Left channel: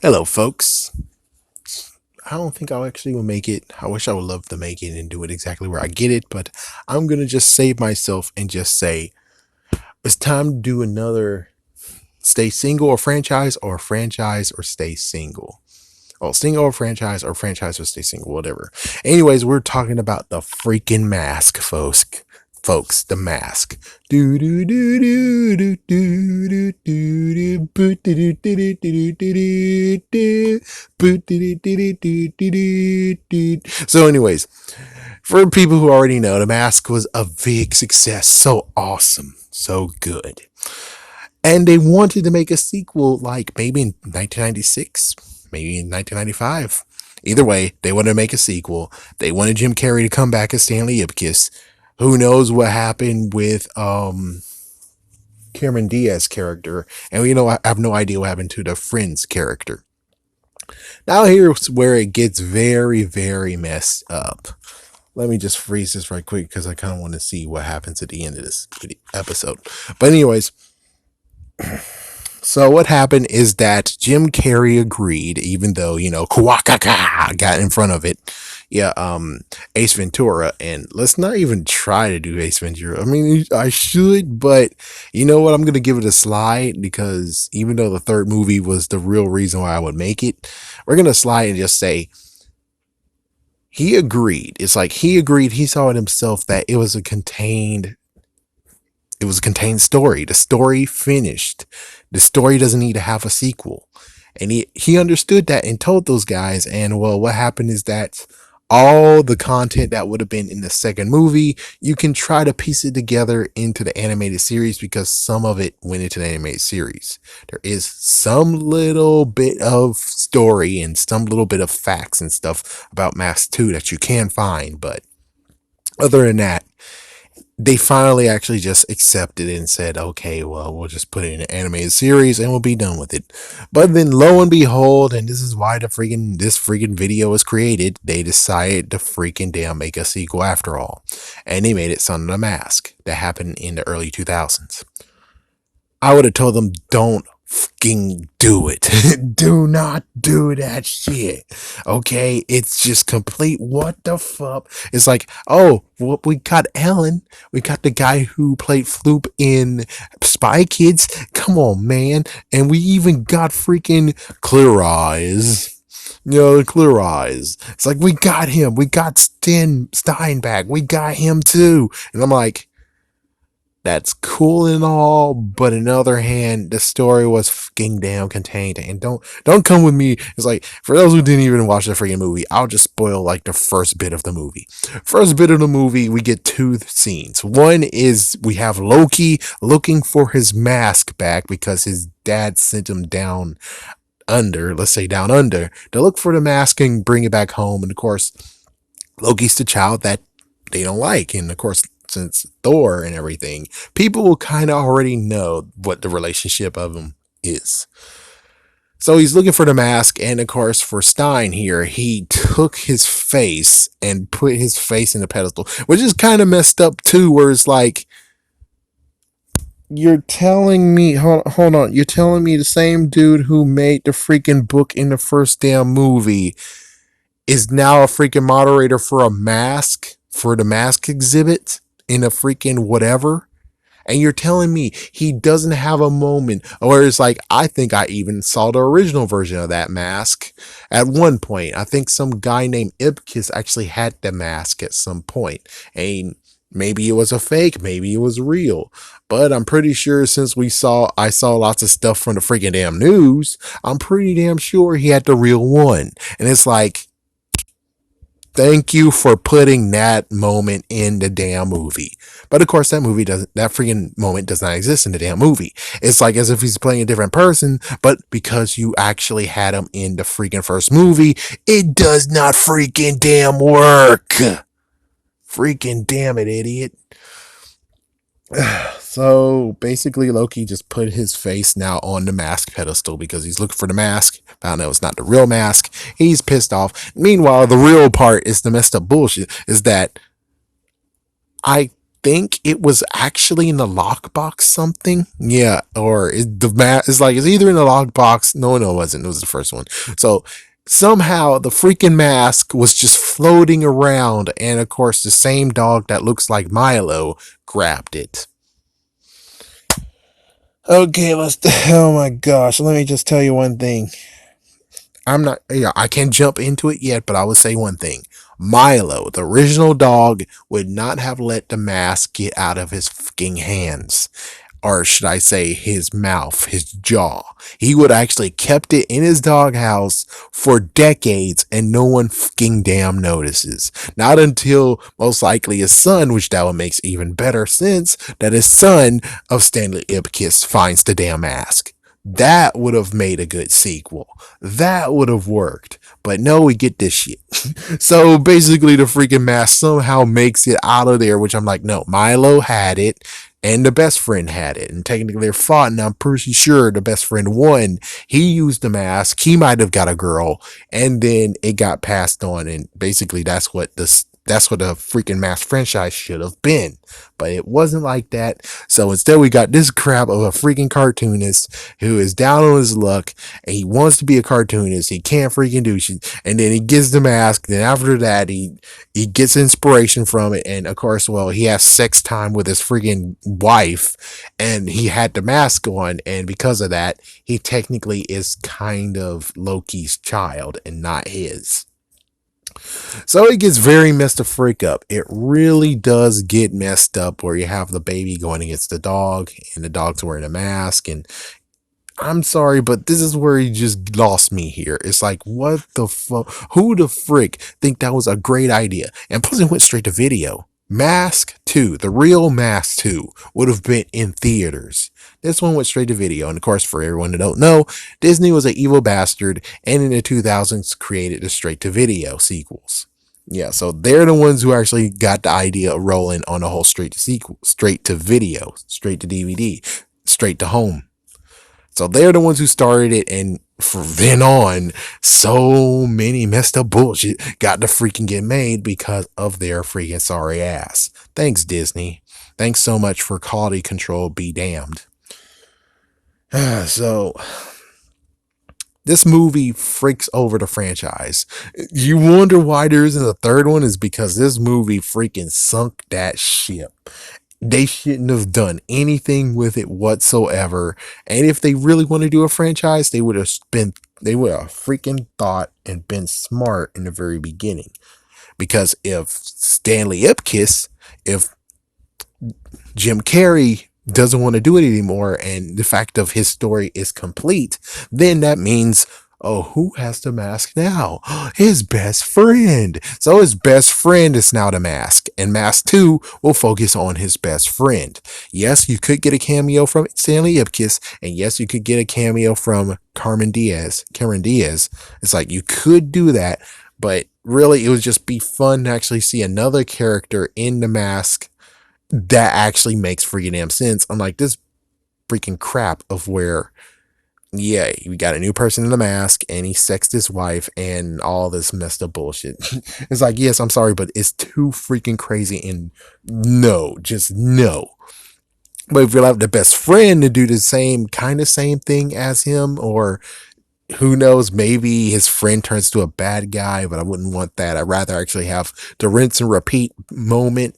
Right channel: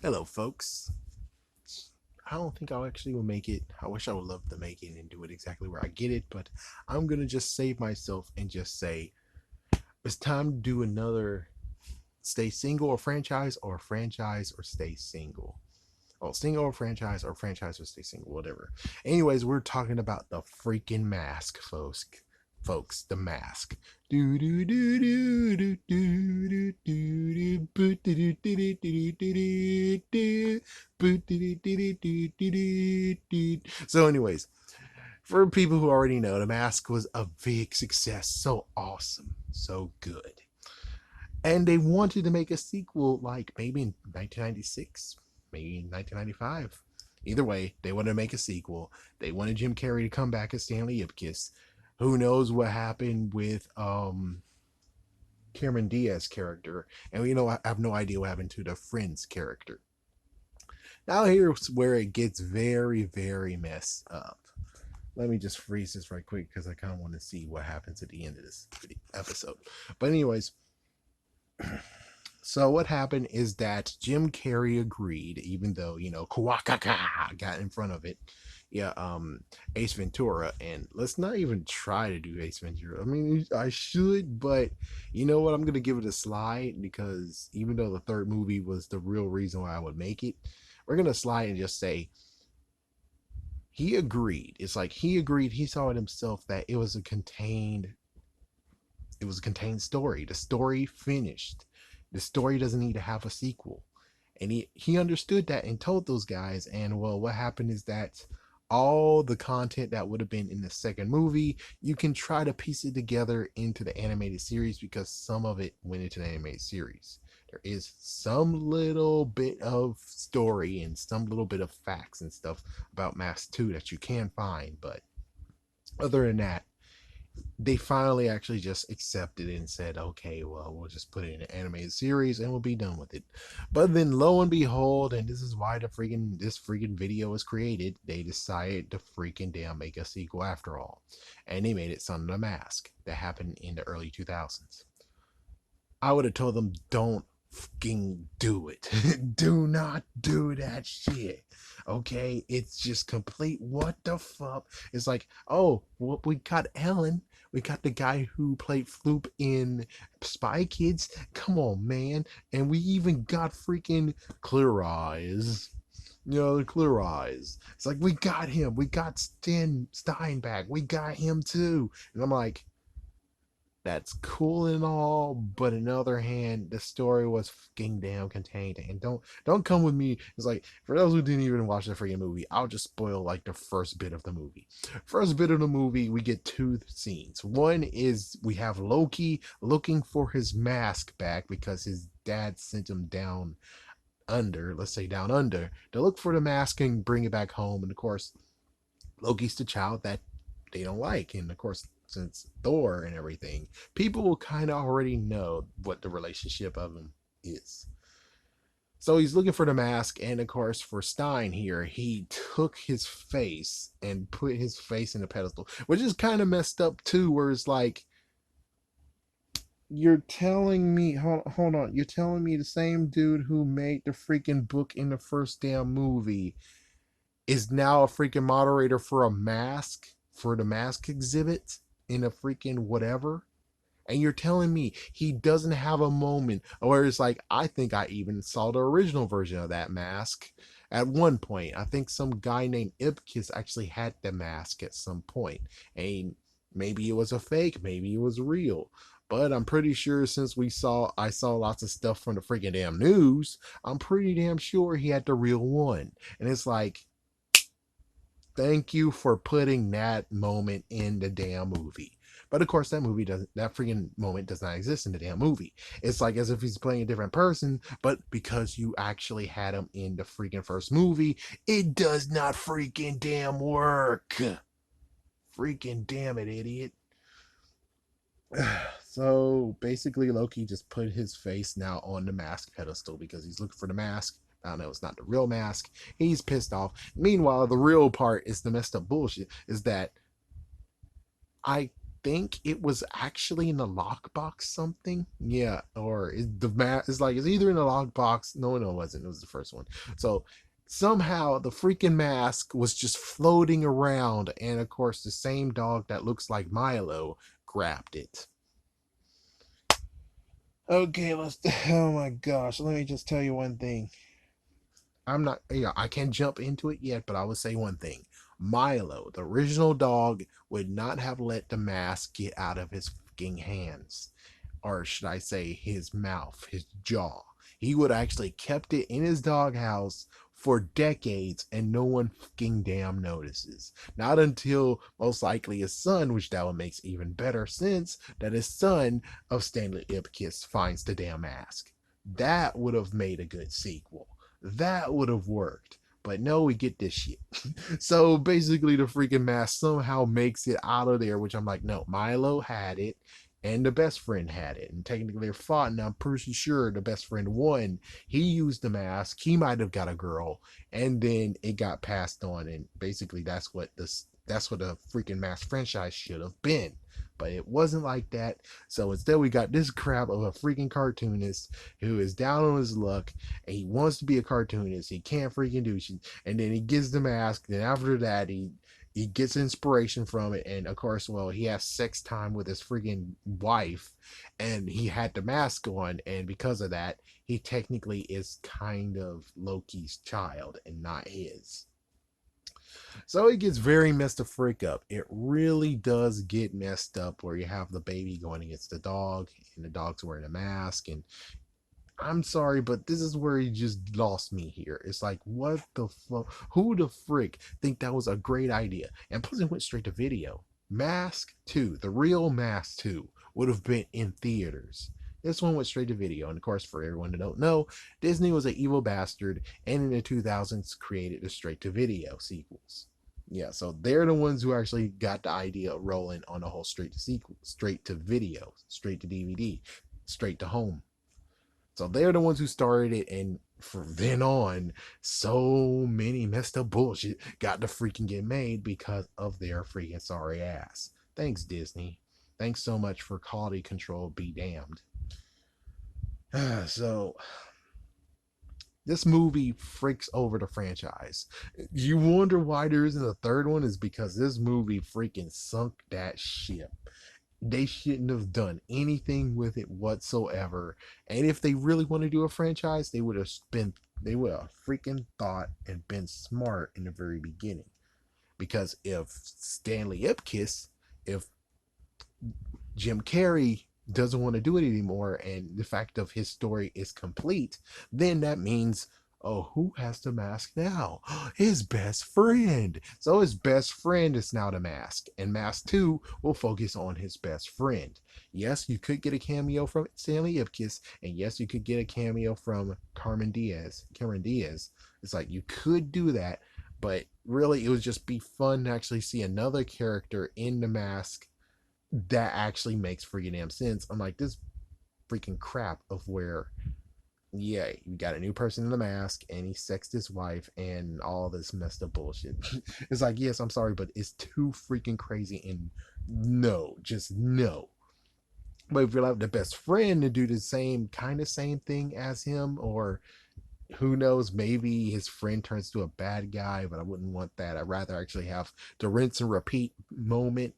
Hello, folks. I don't think I'll actually will make it. I wish I would love to make it and do it exactly where I get it, but I'm gonna just save myself and just say it's time to do another stay single or franchise or stay single. Oh, single or franchise or stay single, whatever. Anyways, we're talking about the freaking mask, folks. Folks, the mask. Do do do do do do do do do do do do do do do. So, anyways, for people who already know, the mask was a big success. So awesome, so good, and they wanted to make a sequel, like maybe in 1996, maybe in 1995. Either way, they wanted to make a sequel. They wanted Jim Carrey to come back as Stanley Ipkiss. Who knows what happened with Cameron Diaz's character? And I have no idea what happened to the Friends character. Now here's where it gets very, very messed up. Let me just freeze this right quick because I kind of want to see what happens at the end of this episode. But anyways, so what happened is that Jim Carrey agreed, even though Kawakaka got in front of it. Yeah, Ace Ventura, and let's not even try to do Ace Ventura. I mean, I should, but you know what? I'm gonna give it a slide because even though the third movie was the real reason why I would make it, we're gonna slide and just say he agreed. It's like he agreed. He saw it himself that it was a contained story. The story finished. The story doesn't need to have a sequel. And he understood that and told those guys. And well, what happened is that all the content that would have been in the second movie, you can try to piece it together into the animated series because some of it went into the animated series. There is some little bit of story and some little bit of facts and stuff about Mask 2 that you can find, but other than that, they finally actually just accepted it and said, okay, well, we'll just put it in an animated series and we'll be done with it. But then lo and behold, and this is why this freaking video was created, they decided to freaking damn make a sequel after all. And they made it Son of the Mask. That happened in the early 2000s. I would have told them, don't fucking do it. Do not do that shit. Okay? It's just complete what the fuck. It's like, oh, well, we got Ellen. We got the guy who played Floop in Spy Kids. Come on, man. And we even got freaking Clear Eyes. Clear Eyes. It's like, we got him. We got Steinbeck. We got him too. And I'm like, that's cool and all, but on the other hand, the story was fucking damn contained. And don't come with me. It's like, for those who didn't even watch the freaking movie, I'll just spoil like the first bit of the movie. First bit of the movie, we get two scenes. One is we have Loki looking for his mask back because his dad sent him down under, let's say down under, to look for the mask and bring it back home. And of course, Loki's the child that they don't like. And of course, since Thor and everything, people will kind of already know what the relationship of them is. So he's looking for the mask, and of course, for Stein here, he took his face and put his face in the pedestal, which is kind of messed up too, where it's like, you're telling me, hold on, you're telling me the same dude who made the freaking book in the first damn movie is now a freaking moderator for for the mask exhibit in a freaking whatever. And you're telling me he doesn't have a moment where it's like, I think I even saw the original version of that mask at one point. I think some guy named Ipkiss actually had the mask at some point. And maybe it was a fake, maybe it was real. But I'm pretty sure since I saw lots of stuff from the freaking damn news, I'm pretty damn sure he had the real one. And it's like, thank you for putting that moment in the damn movie. But of course, that freaking moment does not exist in the damn movie. It's like as if he's playing a different person, but because you actually had him in the freaking first movie, it does not freaking damn work. Freaking damn it, idiot. So basically, Loki just put his face now on the mask pedestal because he's looking for the mask. Found out it's not the real mask. He's pissed off. Meanwhile, the real part is the messed up bullshit is that I think it was actually in the lockbox something. Yeah, or the mask is like it's either in the lockbox. No, it wasn't. It was the first one. So somehow the freaking mask was just floating around, and of course the same dog that looks like Milo grabbed it. Okay, let's. Oh my gosh, let me just tell you one thing. I'm not, yeah, I can't jump into it yet, but I will say one thing. Milo, the original dog, would not have let the mask get out of his fucking hands, or should I say his mouth, his jaw. He would actually kept it in his doghouse for decades and no one fucking damn notices. Not until most likely his son, which that one makes even better sense, that his son of Stanley Ipkiss finds the damn mask. That would have made a good sequel. That would have worked. But no, we get this shit. So basically, the freaking mask somehow makes it out of there, which I'm like, no, Milo had it and the best friend had it, and technically they're fought, and I'm pretty sure the best friend won. He used the mask, he might have got a girl, and then it got passed on, and basically that's what the freaking mask franchise should have been. But it wasn't like that. So instead we got this crap of a freaking cartoonist who is down on his luck and he wants to be a cartoonist. He can't freaking do shit. And then he gets the mask. Then after that he gets inspiration from it, and of course, well, he has sex time with his freaking wife, and he had the mask on, and because of that, he technically is kind of Loki's child and not his. So it gets very messed the freak up. It really does get messed up where you have the baby going against the dog, and the dog's wearing a mask, and I'm sorry, but this is where he just lost me here. It's like, what the fuck? Who the frick think that was a great idea? And plus, it went straight to video. Mask 2, the real Mask 2, would have been in theaters. This one went straight to video. And of course, for everyone that don't know, Disney was an evil bastard and in the 2000s created the straight to video sequels. Yeah, so they're the ones who actually got the idea of rolling on the whole straight to sequel, straight to video, straight to DVD, straight to home. So they're the ones who started it, and from then on, so many messed up bullshit got to freaking get made because of their freaking sorry ass. Thanks, Disney. Thanks so much for quality control, be damned. So, this movie freaks over the franchise. You wonder why there isn't a third one, is because this movie freaking sunk that ship. They shouldn't have done anything with it whatsoever. And if they really want to do a franchise, they would have freaking thought and been smart in the very beginning. Because if Stanley Ipkiss, if Jim Carrey doesn't want to do it anymore, and the fact of his story is complete, then that means, oh, who has the mask now? His best friend. So his best friend is now the mask, and Mask 2 will focus on his best friend. Yes, you could get a cameo from Stanley Ipkiss, and yes, you could get a cameo from Carmen Diaz. Karen Diaz. It's like you could do that, but really it would just be fun to actually see another character in the mask that actually makes freaking damn sense. Unlike this freaking crap of where, yeah, we got a new person in the mask and he sexed his wife and all this messed up bullshit. It's like, yes, I'm sorry, but it's too freaking crazy, and no, just no. But if you have the best friend to do the same thing as him, or who knows, maybe his friend turns to a bad guy, but I wouldn't want that. I'd rather actually have the rinse and repeat moment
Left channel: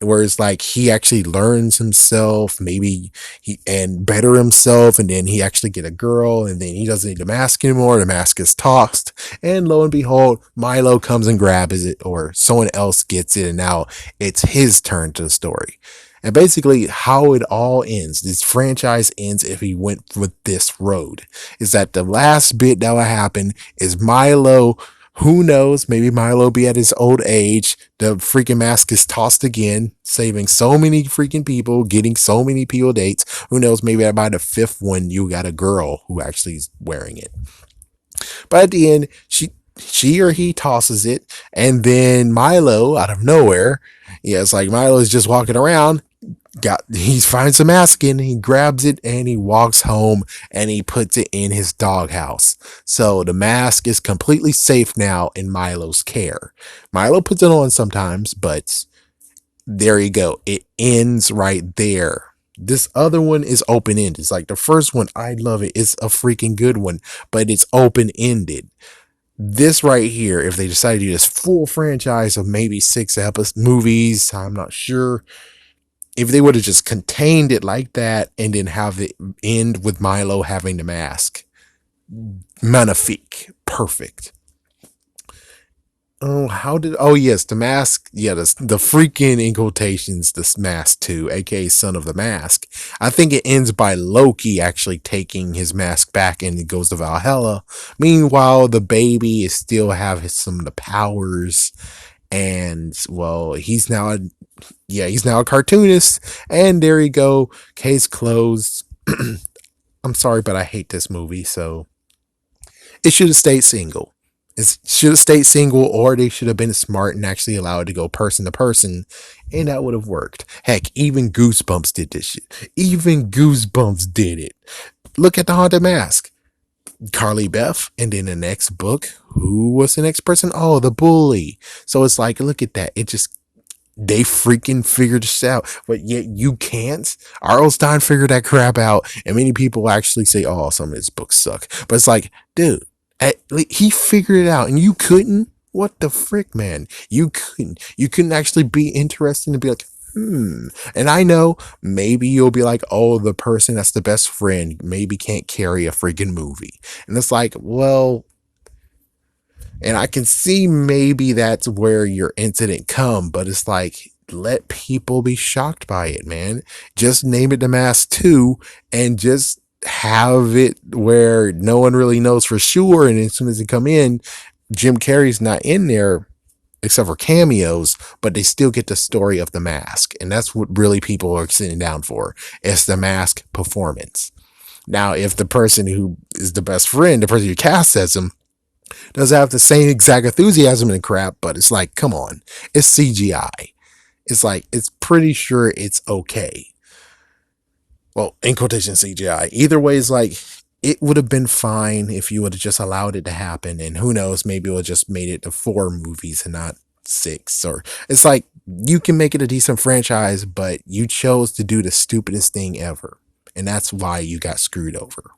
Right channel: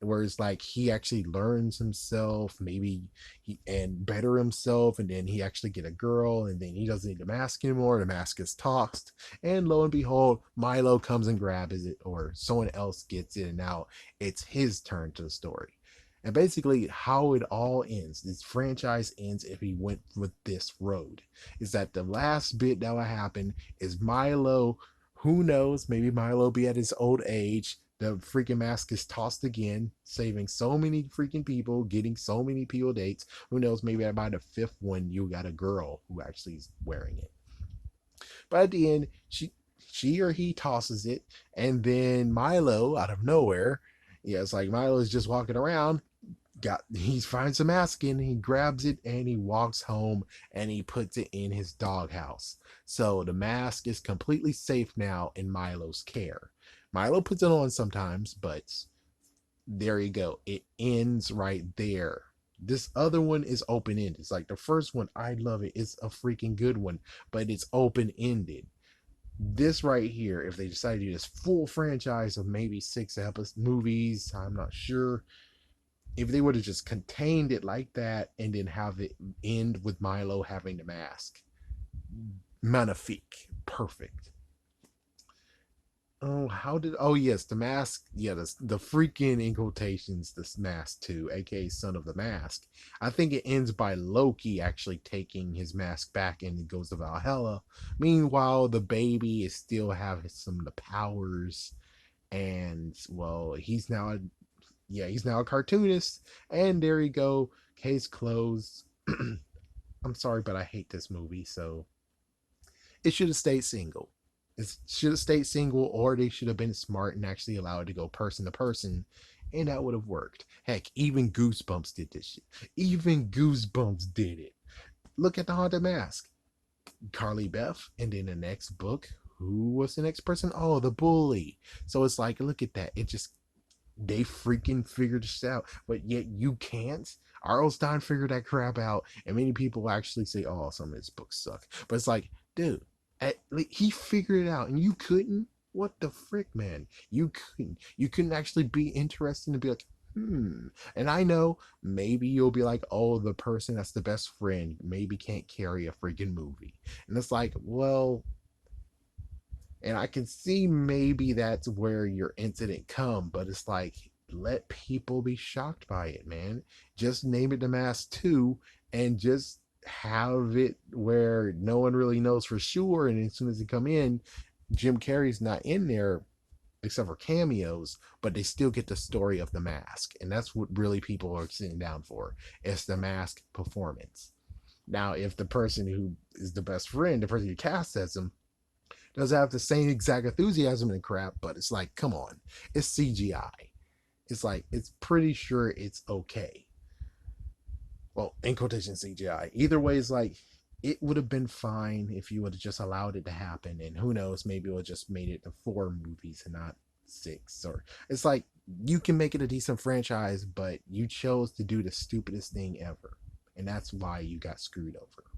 where it's like he actually learns himself, maybe he and better himself, and then he actually get a girl, and then he doesn't need the mask anymore. The mask is tossed, and lo and behold, Milo comes and grabs it, or someone else gets it, and now it's his turn to the story. And basically, how it all ends, this franchise ends if he went with this road, is that the last bit that will happen is Milo. Who knows? Maybe Milo be at his old age. The freaking mask is tossed again, saving so many freaking people, getting so many people dates. Who knows? Maybe by the fifth one, you got a girl who actually is wearing it. But at the end, she or he tosses it, and then Milo, out of nowhere, yeah, it's like Milo is just walking around, he finds the mask in, he grabs it, and he walks home, and he puts it in his doghouse. So the mask is completely safe now in Milo's care. Milo puts it on sometimes, but There you go. It ends right there. This other one is open ended. It's like the first one, I love it. It's a freaking good one, but it's open ended. This right here, if they decide to do this full franchise of maybe 6 movies, I'm not sure. If they would have just contained it like that and then have it end with Milo having the mask, magnifique, perfect. Oh, how did? Oh, yes, the mask. Yeah, the freaking in quotations, this mask too, aka Son of the Mask. I think it ends by Loki actually taking his mask back and it goes to Valhalla. Meanwhile, the baby is still have some of the powers, and well, he's now a cartoonist. And there you go, case closed. I'm sorry, but I hate this movie, so it should have stayed single. It should have stayed single, or they should have been smart and actually allowed it to go person to person, and that would have worked. Heck, even Goosebumps did this shit. Even Goosebumps did it. Look at the Haunted Mask. Carly Beth, and then the next book, who was the next person? Oh, the bully. So it's like, look at that. It just they freaking figured this out, but yet you can't. R.L. Stein figured that crap out, and many people actually say, "Oh, some of his books suck," but it's like, dude, he figured it out, and you couldn't. What the frick, man? You couldn't. You couldn't actually be interested and be like, hmm. And I know maybe you'll be like, "Oh, the person that's the best friend maybe can't carry a freaking movie," and it's like, well, and I can see maybe that's where your incident come, but it's like let people be shocked by it, man. Just name it The Mask 2 and just have it where no one really knows for sure. And as soon as they come in, Jim Carrey's not in there except for cameos, but they still get the story of The Mask. And that's what really people are sitting down for. It's The Mask performance. Now, if the person who is the best friend, the person you cast as him, doesn't have the same exact enthusiasm and crap, but it's like, come on, it's CGI. It's like, it's pretty sure it's okay. Well, in quotation CGI. Either way, it's like, it would have been fine if you would have just allowed it to happen. And who knows, maybe it would have just made it to 4 movies and not 6. Or it's like, you can make it a decent franchise, but you chose to do the stupidest thing ever. And that's why you got screwed over.